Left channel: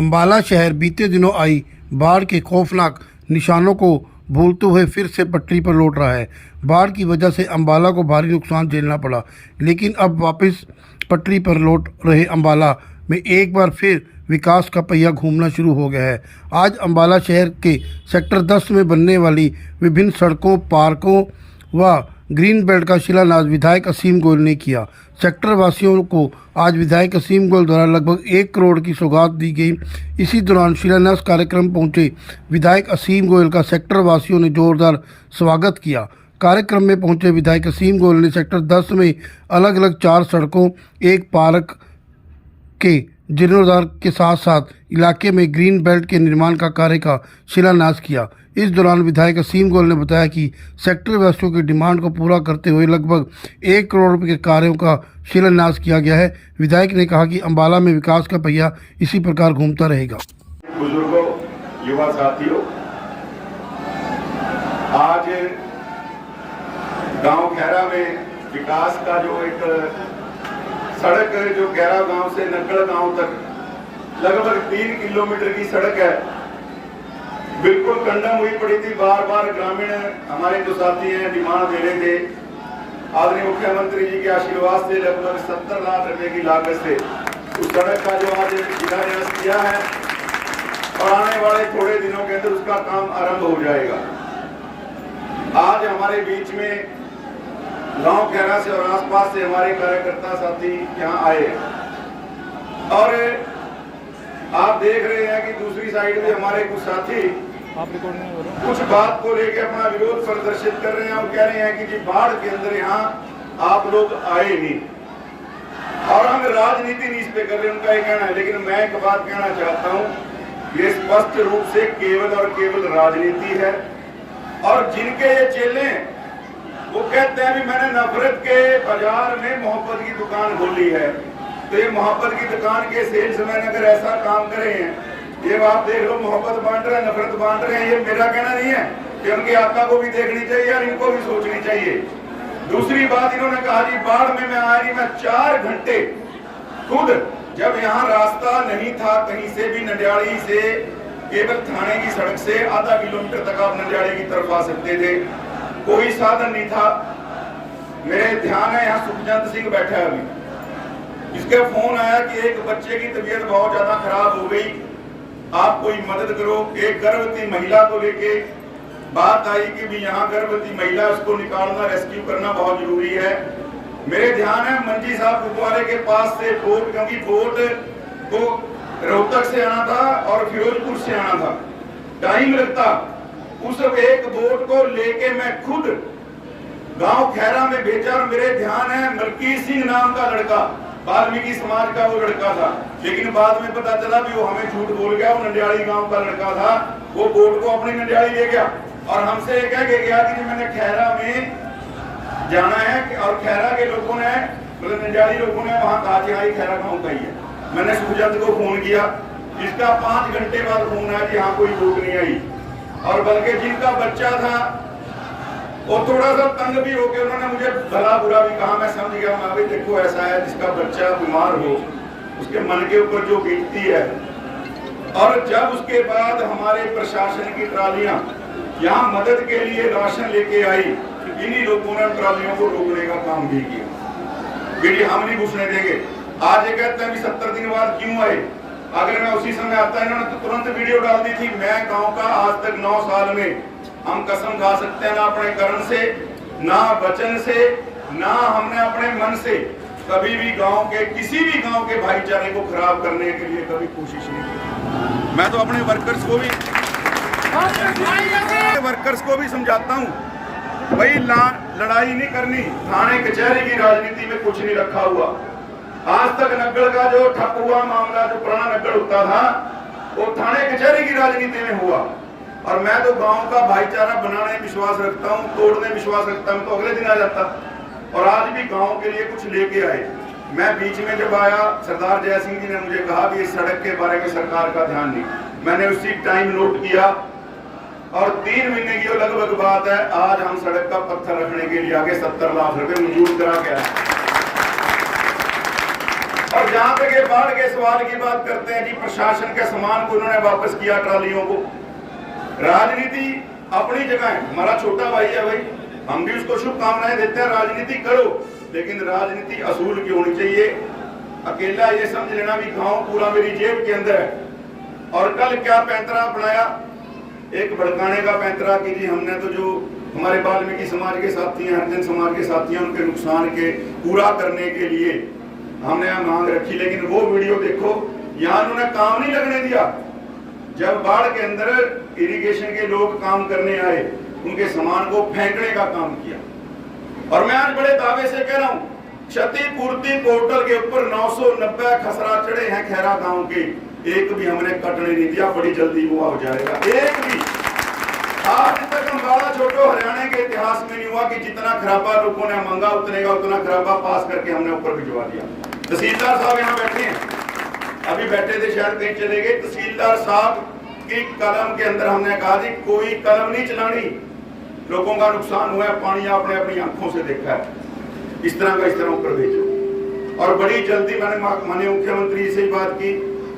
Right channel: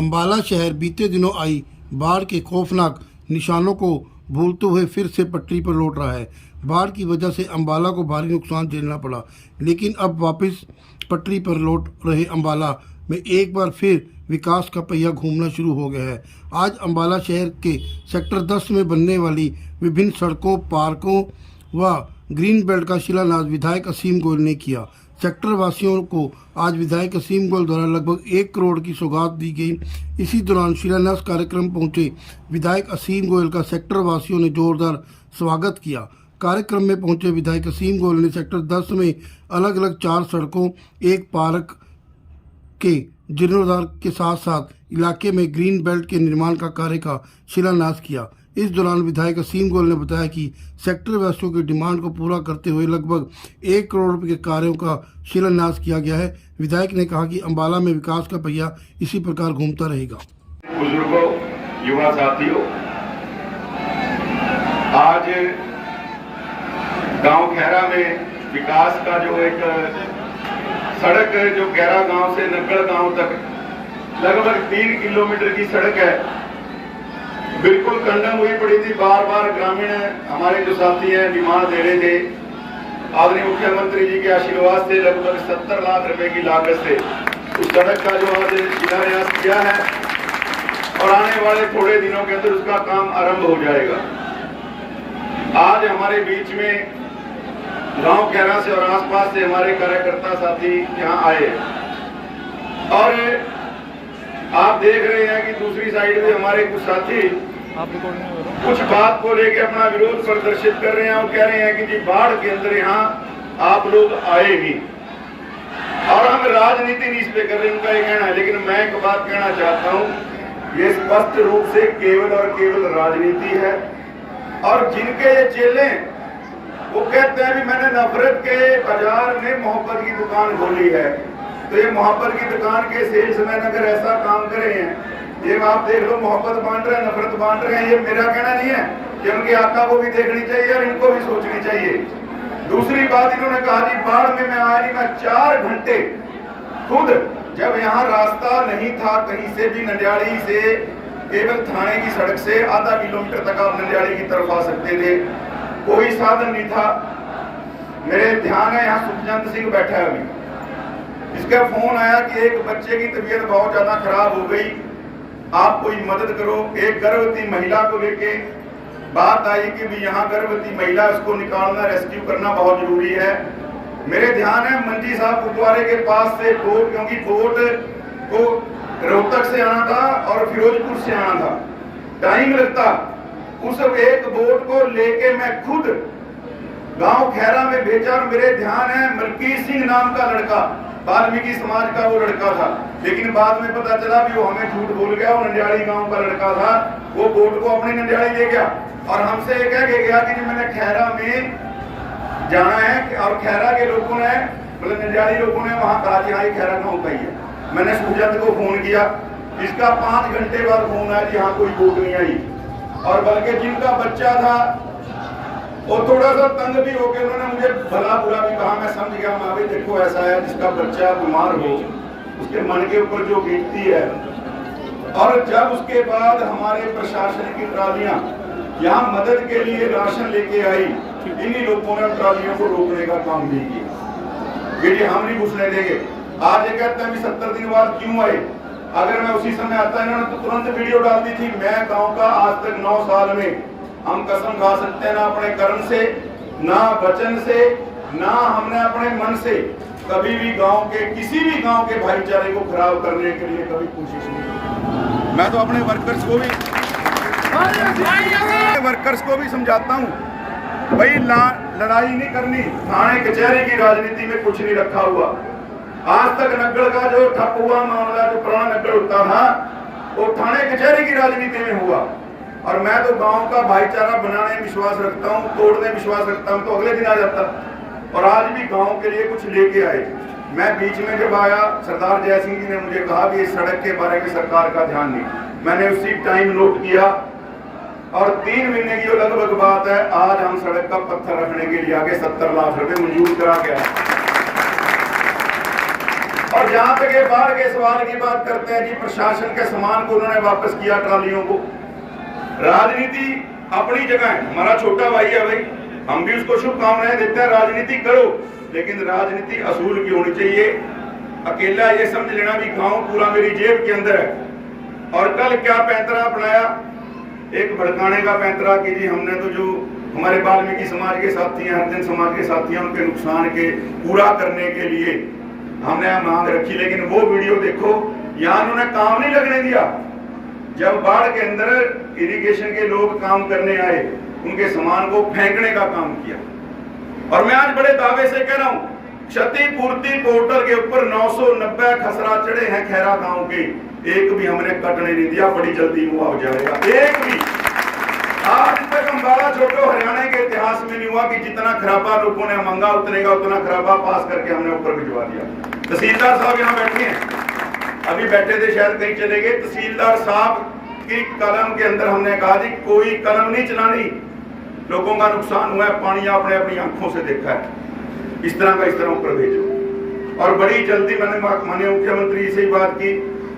अम्बाला शहर बीते दिनों आई बाढ़ के खौफनाक निशानों को भूलते हुए फिर से पटरी पर लौट रहा है। बाढ़ की वजह से अम्बाला को भारी नुकसान झेलना पड़ा, लेकिन अब वापस पटरी पर लौट रहे अम्बाला में एक बार फिर विकास का पहिया घूमना शुरू हो गया है। आज अम्बाला शहर के सेक्टर 10 में बनने वाली विभिन्न सड़कों, पार्कों व ग्रीन बेल्ट का शिलान्यास विधायक असीम गोयल ने किया। सेक्टर वासियों को आज विधायक असीम गोयल द्वारा लगभग 1 करोड़ की सौगात दी गई। इसी दौरान शिलान्यास कार्यक्रम पहुंचे विधायक असीम गोयल का सेक्टर वासियों ने जोरदार स्वागत किया। कार्यक्रम में पहुंचे विधायक असीम गोयल ने सेक्टर 10 में अलग अलग 4 सड़कों, 1 पार्क के जीर्णोद्धार के साथ साथ इलाके में ग्रीन बेल्ट के निर्माण का कार्य का शिलान्यास किया। इस दौरान विधायक असीम गोयल ने बताया कि सेक्टर वासियों की डिमांड को पूरा करते हुए लगभग 1 करोड़ रुपए के कार्यों का शिलान्यास किया गया है। विधायक ने कहा कि अम्बाला में विकास का पहिया इसी प्रकार घूमता रहेगा। बुजुर्गों, युवा साथियों, आज गांव खैरा में विकास का जो एक सड़क जो खैरा गांव से नक्कड़ गांव तक लगभग 3 किलोमीटर की सड़क है, बिल्कुल कंडम हुई पड़ी थी। बार बार ग्रामीण हमारे जो साथी हैं डिमांड दे रहे थे। आदरणीय मुख्यमंत्री जी के आशीर्वाद से लगभग 70 लाख रुपए की लागत से उस सड़क का जो आज शिलान्यास किया है और आने वाले थोड़े दिनों के अंदर उसका काम आरंभ हो जाएगा। आज हमारे बीच में गांव खैरा से और आसपास से हमारे कार्यकर्ता साथी यहाँ आए और आप देख रहे हैं कि दूसरी साइड में हमारे कुछ साथी कुछ बात को लेकर अपना विरोध प्रदर्शित कर रहे हैं और कह रहे हैं कि जी बाढ़ के अंदर यहाँ आप लोग आए नहीं और हम राजनीति नहीं इस पे कर रहे, उनका ये कहना है। लेकिन मैं एक बात कहना चाहता हूँ, ये स्पष्ट रूप से केवल और केवल राजनीति है। और जिनके ये चेले वो कहते हैं भी मैंने नफरत के बाजार में मोहब्बत की दुकान खोली है, तो ये मोहब्बत की दुकान के सेल्समैन अगर ऐसा काम करे हैं, ये आप देख लो मोहब्बत बांट रहे हैं, नफरत बांट रहे हैं, ये मेरा कहना नहीं है कि उनके आका को भी देखनी चाहिए और इनको भी सोचनी चाहिए। दूसरी बात इन्होंने कहा जी बाढ़ में मैं आया नहीं, मैं 4 घंटे खुद जब यहाँ रास्ता नहीं था कहीं से भी, नंदियाली से केवल थाने की सड़क से आधा किलोमीटर तक आप नंदियाली की तरफ आ सकते थे, कोई साधन नहीं था। मेरे ध्यान है यहाँ सुखचंद सिंह बैठा है अभी, इसका फोन आया कि एक बच्चे की तबीयत बहुत ज्यादा खराब हो गई, आप कोई मदद करो। एक गर्भवती महिला को लेके बात आई कि भी यहाँ गर्भवती महिला, उसको निकालना, रेस्क्यू करना बहुत जरूरी है। मेरे ध्यान है मंजी साहब गुरुद्वारे के पास से बोट, क्योंकि बोट को रोहतक से आना था और फिरोजपुर से आना था, टाइम लगता। उस एक बोट को लेके मैं खुद गांव खैरा में भेजा और मेरे ध्यान है मलकीत सिंह नाम का लड़का, वाल्मीकि समाज का वो लड़का था, लेकिन बाद में पता चला भी वो हमें झूठ बोल गया, वो नंदियाली गांव का लड़का था। वो बोट को अपनी नंदियाली ले गया और हमसे कह के गया कि मैंने खैरा में जाना है और खैरा के लोगों ने, मतलब नंदियाली लोगों ने वहां कहा कि हाँ ये खैरा गांव का ही है। मैंने सुखचंद को फोन किया, इसका 5 घंटे बाद फोन आया कि यहाँ कोई बोट नहीं आई। और बल्कि जिनका बच्चा था वो थोड़ा सा तंग भी हो गया, उन्होंने मुझे भला बुरा भी कहा, मैं समझ गया। मैं भी देखो ऐसा है जिसका बच्चा बीमार हो उसके मन के ऊपर जो बीतती है। और जब उसके बाद हमारे प्रशासन की ट्रालियां यहाँ मदद के लिए राशन लेके आई, इन्हीं लोगों ने ट्रालियों को रोकने का काम भी किया कि हम नहीं घुसने देंगे। आज ये कहते हैं कि 70 दिन बाद क्यों आए, अगर मैं उसी समय आता इन्होंने तो तुरंत वीडियो डाल दी थी। मैं गाँव का आज तक 9 साल में हम कसम खा सकते हैं, ना अपने कर्म से, ना वचन से, ना हमने अपने मन से कभी भी गांव के किसी भी गांव के भाईचारे को खराब करने के लिए कभी कोशिश नहीं की। मैं तो अपने वर्कर्स को भी समझाता हूं, भाई लड़ाई नहीं करनी, थाने कचहरी की राजनीति में कुछ नहीं रखा हुआ। आज तक नग्गड़ का जो ठप हुआ मामला, जो पुराना नग्गड़ होता था, वो थाने कचहरी की राजनीति में हुआ। और मैं तो गांव का भाईचारा बनाने में विश्वास रखता हूं, तोड़ने में विश्वास रखता हूं, तो अगले दिन आ जाता। और आज भी गांव के लिए कुछ लेके आए। मैं बीच में जब आया, सरदार जय सिंह जी ने मुझे कहा कि इस सड़क के बारे में सरकार का ध्यान नहीं, मैंने उसी टाइम नोट किया और 3 महीने की लगभग बात है, आज हम सड़क का पत्थर रखने के लिए आगे 70 लाख रुपए मंजूर करा के आए। और जहां तक ये बाढ़ के सवाल की बात करते हैं जी, प्रशासन के सामान को उन्होंने वापस किया, ट्रालियों को। राजनीति अपनी जगह है, हमारा छोटा भाई है भाई, हम भी उसको शुभकामनाएं देते हैं, राजनीति करो, लेकिन राजनीति असूल की होनी चाहिए। अकेला ये समझ लेना भी गांव पूरा मेरी जेब के अंदर है। और कल क्या पैंतरा बनाया, एक भड़काने का पैंतरा कि जी हमने तो जो हमारे वाल्मीकि समाज के साथी हैं, हरिजन समाज के साथी हैं, उनके नुकसान के पूरा करने के लिए हमने मांग रखी। लेकिन वो वीडियो देखो, यहाँ उन्होंने काम नहीं लगने दिया। जब बाढ़ के अंदर इरिगेशन के लोग काम करने आए, उनके सामान को फेंकने का काम किया। और मैं आज बड़े दावे से कह रहा हूं, क्षतिपूर्ति पोर्टल के ऊपर 990 खसरा चढ़े हैं खैरा गांव के, एक भी हमने कटने नहीं दिया, बड़ी जल्दी हुआ हो जाएगा, एक भी। आज तक अम्बाला छोटो हरियाणा के इतिहास में नहीं हुआ कि जितना खराबा लोगों ने मांगा उतने का उतना खराबा पास करके हमने ऊपर भिजवा दिया। तहसीलदार साहब यहाँ बैठे हैं, अभी बैठे थे, शायद कहीं चले गए। तहसीलदार साहब की कलम के अंदर हमने कहा जी कोई कलम नहीं चलानी, लोगों का नुकसान हुआ है, पानी आपने अपनी आंखों से देखा है, इस तरह ऊपर भेजो। और बड़ी जल्दी मैंने माननीय मुख्यमंत्री से ही बात की,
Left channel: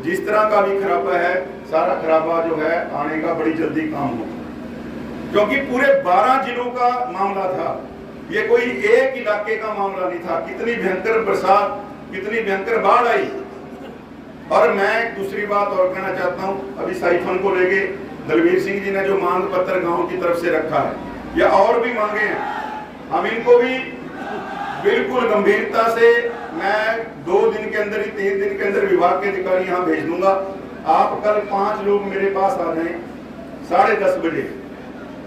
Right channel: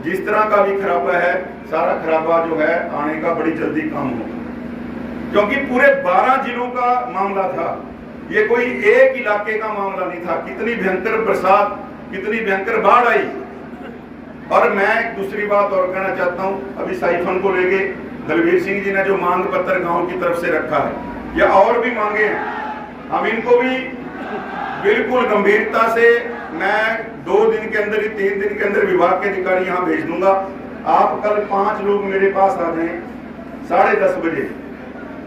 जिस तरह का भी खराबा है, सारा खराबा जो है आने का बड़ी जल्दी काम होगा, क्योंकि पूरे 12 जिलों का मामला था, ये कोई एक इलाके का मामला नहीं था। कितनी भयंकर बरसात, कितनी भयंकर बाढ़ आई। और मैं एक दूसरी बात और कहना चाहता हूं, अभी साइफन को लेके दलवीर सिंह जी ने जो मांग पत्र गांव की तरफ से रखा है, या और भी मांगे हैं, हम इनको भी बिल्कुल गंभीरता से, मैं 2 दिन के अंदर ही 3 दिन के अंदर विभाग के अधिकारी यहाँ भेज दूंगा। आप कल 5 लोग मेरे पास आ जाएं 10:30 बजे,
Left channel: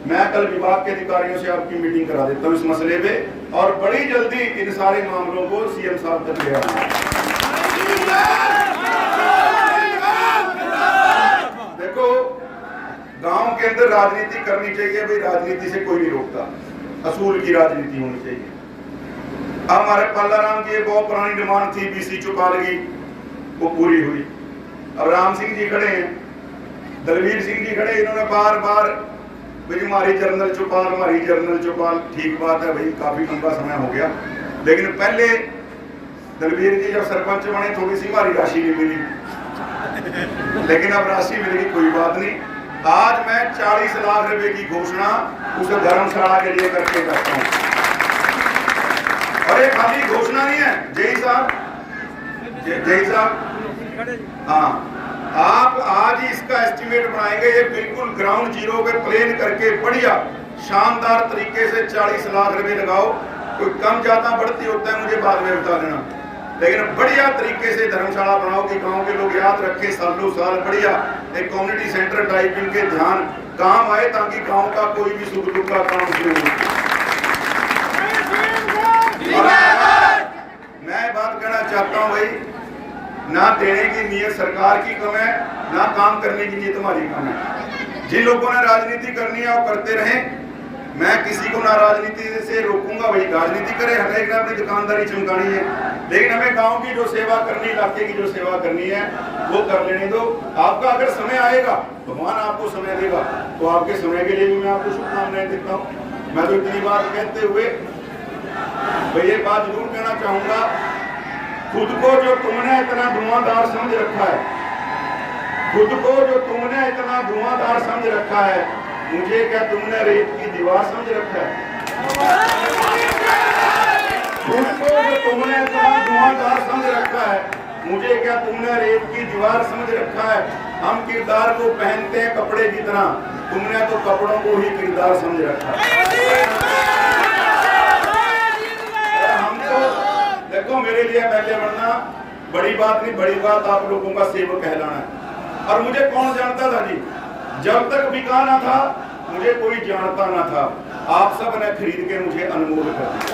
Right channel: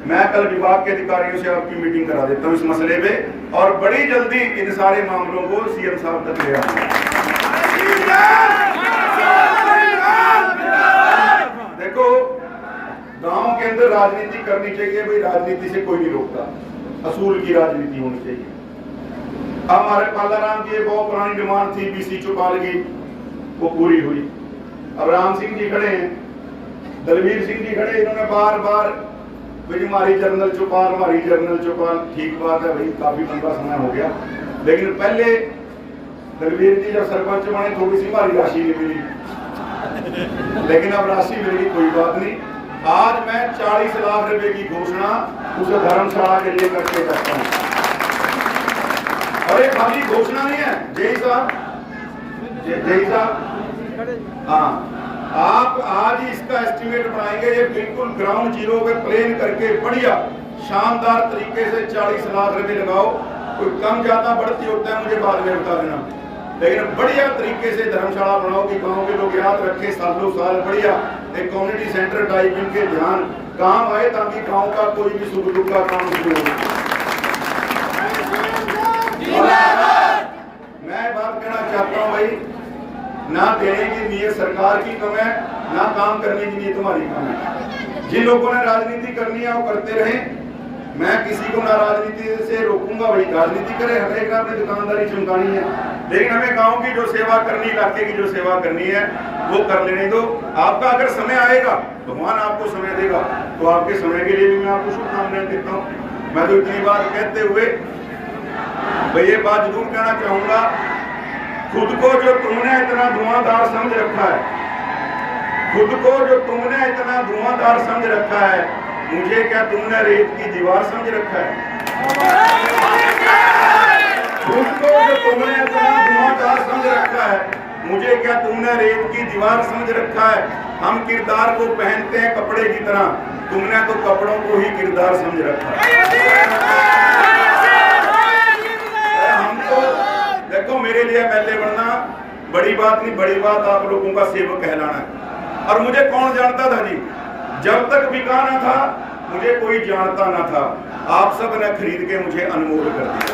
मैं कल विभाग के अधिकारियों से आपकी मीटिंग करा देता हूँ इस मसले पे, और बड़ी जल्दी इन सारे मामलों को सीएम साहब तक ले आऊंगा। देखो, गांव के अंदर राजनीति करनी चाहिए भाई, राजनीति से कोई नहीं रोकता, असूल की राजनीति होनी चाहिए। अब हमारे पालाराम की बहुत पुरानी डिमांड थी बीसी चौपालगी, वो पूरी हुई। अब राम सिंह जी खड़े हैं, दलवीर सिंह जी खड़े, इन्होंने बार बार भाई हमारी जर्नल चौपाल, हमारी जर्नल चौपाल। ठीक बात है भाई, काफी लंबा समय हो गया, लेकिन पहले दलवीर जी जब सरपंच बने थोड़ी सी हमारी राशि नहीं मिली, लेकिन अब राशि मिलेगी, कोई बात नहीं। आज मैं 40 लाख रुपए की घोषणा उस धर्मशाला के लिए करके जाता हूँ। और ये खाली घोषणा नहीं है, जय साहब, हाँ, आप आज ही इसका एस्टिमेट बनाएंगे, ये बिल्कुल ग्राउंड जीरो पे प्लेन करके बढ़िया शानदार तरीके से 40 लाख रुपए लगाओ। कोई कम ज्यादा बढ़ती होता है मुझे बाद में बता देना, लेकिन बढ़िया तरीके से धर्मशाला बनाओ कि गांव के लोग याद रखें, सालों साल बढ़िया एक कम्युनिटी सेंटर टाइप इनके ध्यान काम आए, ताकि गांव का कोई भी सुख दुख का काम शुरू हो। मैं बात कहना चाहता हूं भाई, ना देने की नीयत सरकार की कम है, ना काम करने की नीयत हमारी कम है। जिन लोगों ने राजनीति करनी है वो करते रहें, मैं किसी को ना राजनीति से रोकूंगा, भाई राजनीति करे, हर एक ने अपनी दुकानदारी चमकानी है, लेकिन हमें गांव की जो सेवा करनी, इलाके की जो सेवा करनी है वो कर लेने दो। आपका अगर समय आएगा, भगवान आपको समय देगा, तो आपके समय के लिए भी मैं आपको शुभकामनाएं देता हूँ। मैं तो इतनी बात कहते हुए भाई ये बात जरूर कहना चाहूंगा, खुद को जो तुमने इतना धुआंधार समझ रखा है, खुद को जो तुमने इतना धुआंधार समझ रखा है, मुझे क्या तुमने रेत की दीवार समझ रखा है? खुद को जो तुमने इतना धुआंधार समझ रखा है, मुझे क्या तुमने रेत की दीवार समझ रखा है? हम किरदार को पहनते हैं कपड़े की तरह, तुमने तो कपड़ों को ही किरदार समझ रखा है। हम तो देखो, मेरे लिए एमएलए बनना बड़ी बात नहीं, बड़ी बात आप लोगों का सेवक कहलाना है। और मुझे कौन जानता था जी, जब तक बिकाना था मुझे कोई जानता ना था, आप सब ने खरीद के मुझे अनमोल कर दिया।